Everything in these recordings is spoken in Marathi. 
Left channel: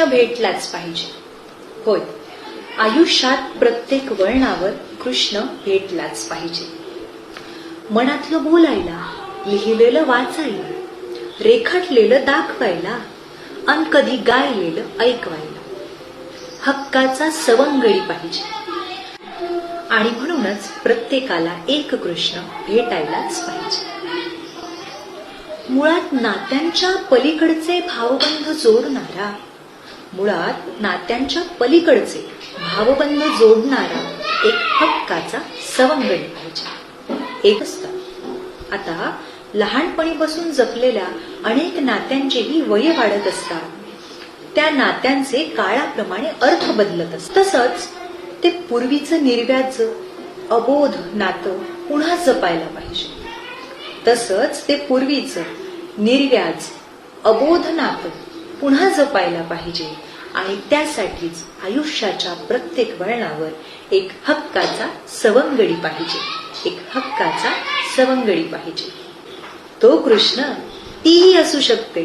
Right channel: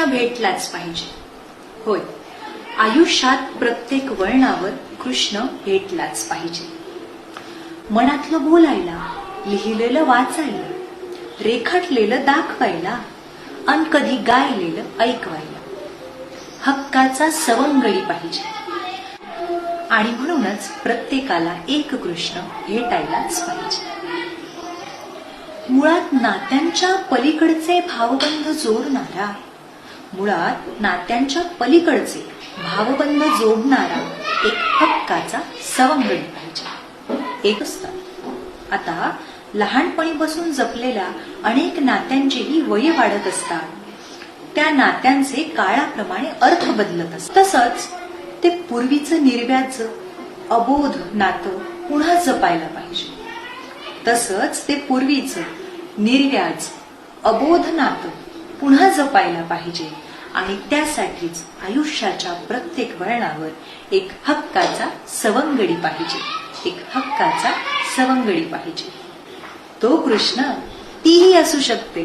कृष्ण भेटलाच पाहिजे. होय, आयुष्यात प्रत्येक वळणावर कृष्ण भेटलाच पाहिजे. मनातलं बोलायला, लिहिलेलं वाचायला, रेखाटलेलं दाखवायला अन कधी गायलेलं ऐकवायला हक्काचा सवंगडी पाहिजे. आणि म्हणूनच प्रत्येकाला एक कृष्ण भेटायलाच पाहिजे. मुळात नात्यांच्या पलीकडचे भावबंध जोडणारा, मुळात नात्यांच्या पलीकडचे भावबंध जोडणारा एक हक्काचा सवंगडी पाहिजे. एक असतं. आता लहानपणीपासून जपलेल्या अनेक नात्यांचेही वय वाढत असतात. त्या नात्यांचे काळाप्रमाणे अर्थ बदलत असतात. तसंच ते पूर्वीचं निर्व्याज अबोध नातं पुन्हा जपायला पाहिजे. तसंच ते पूर्वीचं निर्व्याज अबोध नातं पुन्हा जपायला पाहिजे. आणि त्यासाठीच आयुष्याच्या प्रत्येक वळणावर एक हक्काचा सवंगडी पाहिजे. एक हक्काचा सवंगडी पाहिजे. तो कृष्ण तीही असू शकते.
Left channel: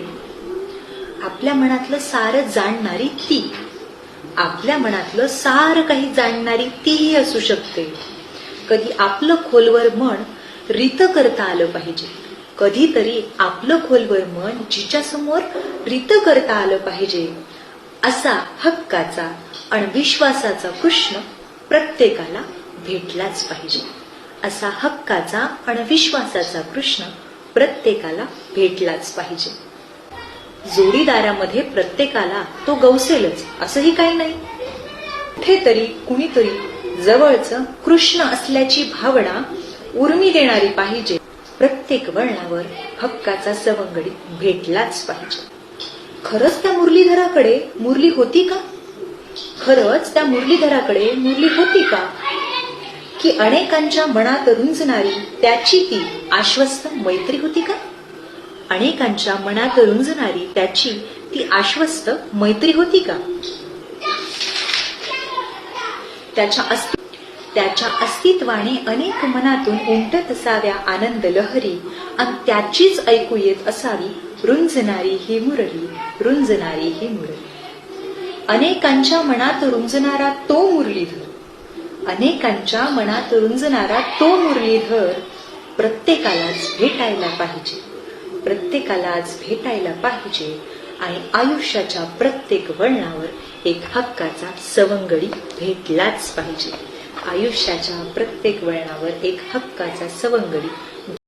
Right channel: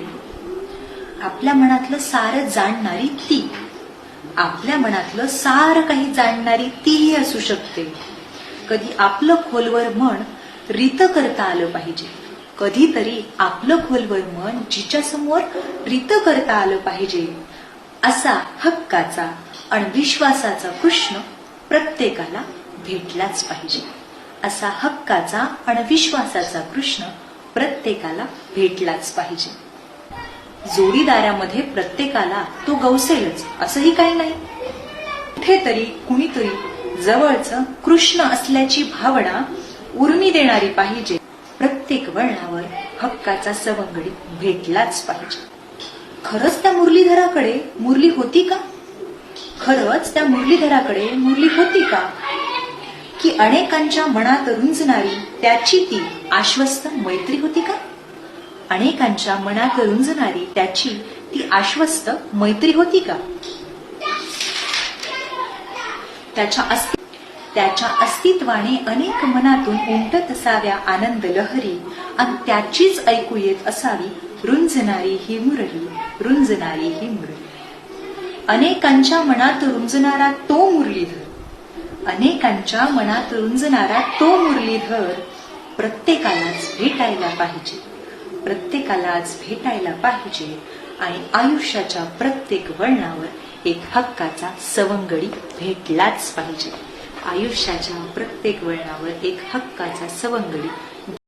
आपल्या मनातलं सारं जाणणारी ती, आपल्या मनातलं सारं काही जाणणारी तीही असू शकते. कधी आपलं खोलवर मन रित करता आलं पाहिजे. कधीतरी आपलं खोलवर मन जिच्यासमोर रित करता आलं पाहिजे. असा हक्काचा आणि विश्वासाचा कृष्ण प्रत्येकाला भेटलाच पाहिजे. असा हक्काचा आणि विश्वासाचा कृष्ण प्रत्येकाला भेटलाच पाहिजे. जोडीदारामध्ये प्रत्येकाला तो गवसेलच असंही काही नाही. कुठेतरी कुणीतरी जवळचं कृष्ण असल्याची भावना उर्मी देणारी पाहिजे. प्रत्येक वळणावर हक्काचा सवंगडी भेटलाच पाहिजे. खरंच त्या मुरलीधराकडे मुरली होती का? खरंच त्या मुरलीधराकडे मुरली होती का? की अनेकांच्या मनात रुंजणारी त्याची ती आश्वस्त मैत्री होती का? अनेकांच्या मनात रुंजणारी त्याची ती आश्वस्त मैत्री होती का? त्याच्या अस्तित्वाने अनेक मनातून उमटत असाव्या आनंद लहरी आणि त्याचीच ऐकू येत असावी रुंजणारी ही मुरली, रुंजणारी ही मुरली. अनेकांच्या मनात रुंजणारा तो मुरलीधर, अनेकांच्या मनात रुंजणारा तो मुरलीधर प्रत्येकालाच भेटायला पाहिजे. प्रत्येकालाच भेटायला पाहिजे. आणि आयुष्याच्या प्रत्येक वळणावर एक हक्काचा सवंगडी भेटलाच पाहिजे. आयुष्याच्या प्रत्येक वळणावर एक हक्काचा सवंगडी